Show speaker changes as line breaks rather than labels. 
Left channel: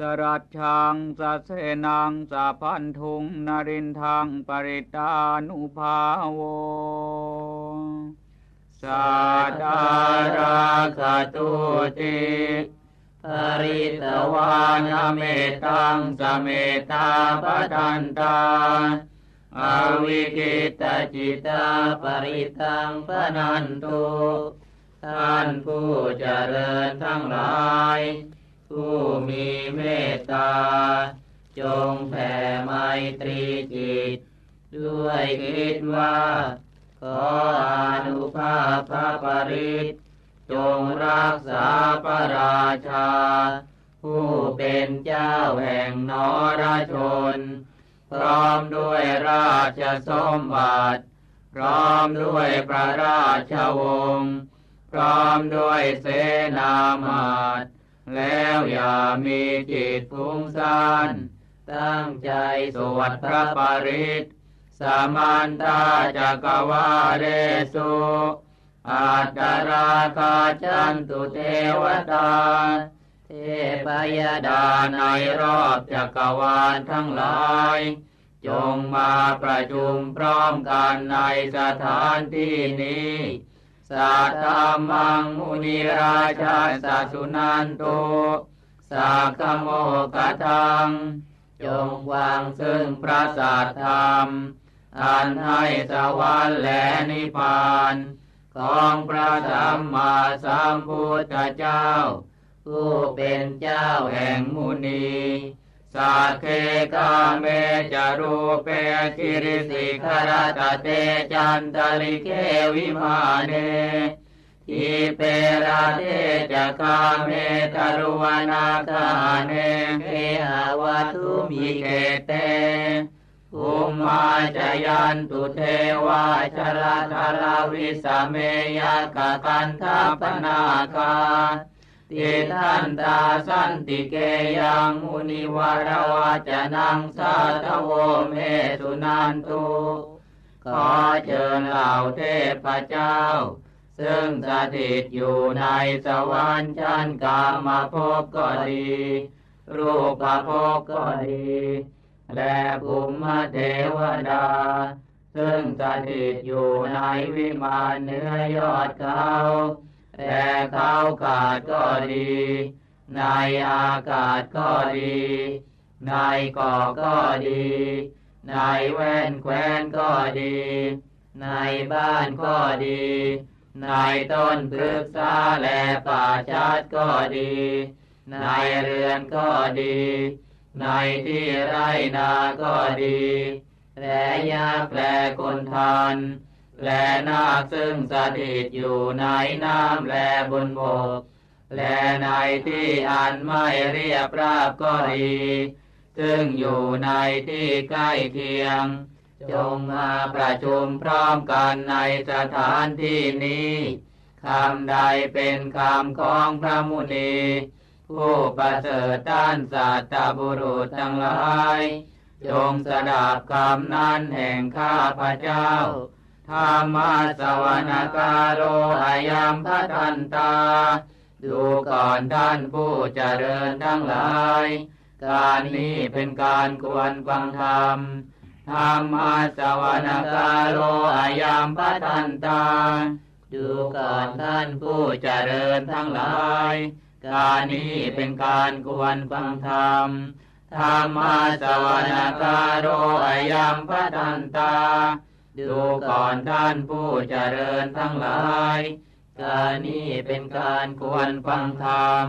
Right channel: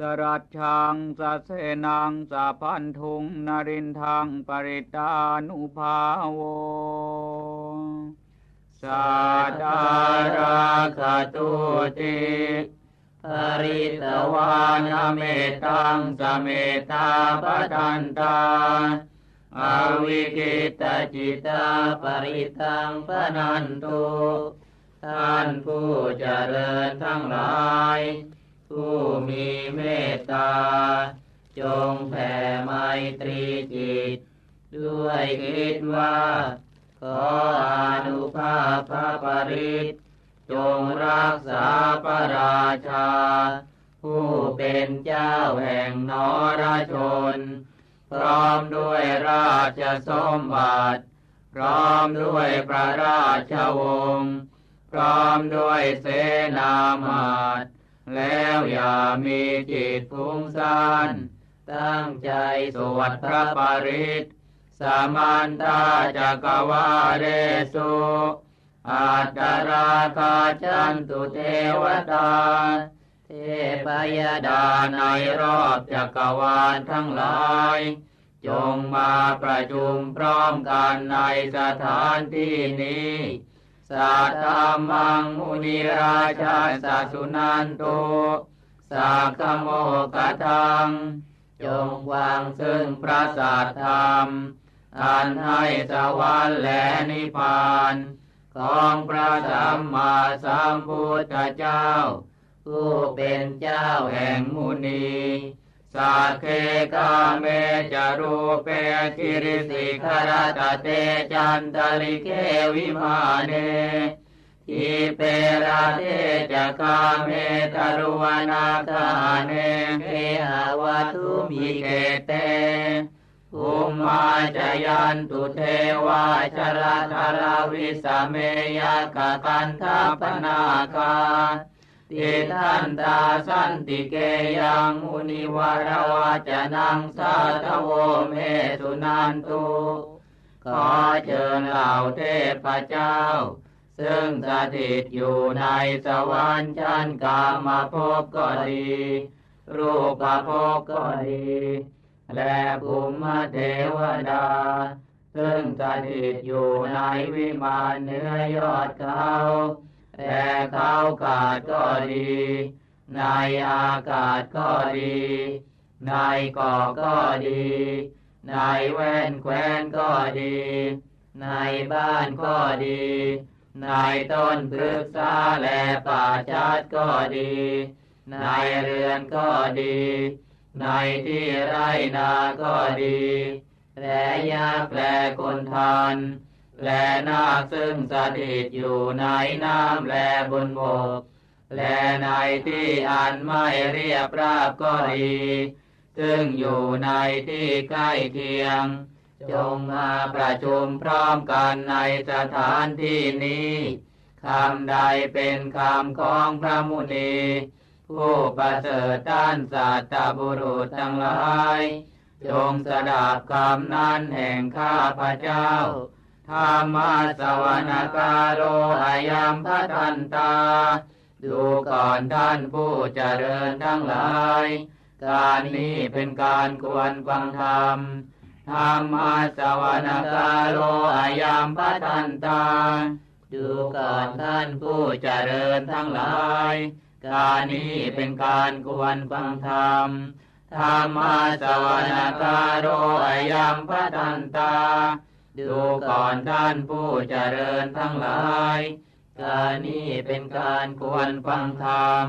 สรัจชังสะเสนังสะพันธุงนรินทังปริตานุภาโวสัตตาราคตุติ
ปริตวานเมตังสเมตาปทันตาอวิกิตจิตาปริตังปนันตุท่านผู้เจริญทั้งหลาย ผู้มีเมตตา จงแผ่ไมตรีจิต ด้วยคิดว่า ขออนุภาพพระปริตจงรักษาพระราชา ผู้เป็นเจ้าแห่งนรชน พร้อมด้วยราชสมบัติ พร้อมด้วยพระราชวงศ์พร้อมด้วยเสนามาต แล้วอย่ามีจิตฟุ้งซ่านตั้งใจสวดพระปริตสามันตาจักวาเรสุอัตตราคาจันตุเทวตา เทพยดาในรอบจักรวาลทั้งหลาย จงมาประชุมพร้อมกันในสถานที่นี้ สัตตมังมุนิราชาสัสุนันโตสักขโมกทังจงวางซึ่งพระสัทธรรม อันให้สวรรค์และนิพพาน ของพระสัมมาสัมพุทธเจ้า ผู้เป็นเจ้าแห่งมุนี สักเคกาเมจารูเปคิริสิขรตเตจันตลิเควิมาเนทิเปราเทจะกาเมตรุวนาคาเนเคหาวัตุมิเกเตอุมมาจยันตุเทวาชราธาราวิสเมยกะกันทัปนาคา ติทันตาสันติเกยังมุนิวรวาจนังสาทโวเมสุนันตุขอเชิญเหล่าเทพเจ้า ซึ่งสถิตอยู่ในสวรรค์ชั้นกามภพก็ดี รูปภพก็ดี และภูมิเทวดา ซึ่งสถิตอยู่ในวิมานเนื้อยอดเขา ดี ในอากาศก็ดี ในเกาะก็ดี ในแว่นแคว้นก็ดี ในบ้านก็ดี ในต้นพฤกษาและป่าชัดก็ดี ในเรือนก็ดี ในที่ไรนาก็ดีและยาแปลคนทานและนาคซึ่งสถิตอยู่ในน้ำและบนบก และในที่อันไม่เรียบราบก็ดี ซึ่งอยู่ในที่ใกล้เคียง จงมาประชุมพร้อมกันในสถานที่นี้คำใดเป็นคำของพระมุนี ผู้ประเสริฐต้านสัตตบุรุษทั้งหลาย จงสดับคำนั้นแห่งข้าพระเจ้าธรรมสวนการโรอายัมพัทันตา ดูก่อนท่านผู้เจริญทั้งหลาย การนี้เป็นการควรฟังธรรมธรรมาสวนการโรอายัมพัทันตา ดูก่อนท่านผู้เจริญทั้งหลาย การนี้เป็นการควรฟังธรรมธรรมาสวนการโรอายัมพัทันตา ดูก่อนท่านผู้เจริญทั้งหลาย การนี้เป็นการควรฟังธรรม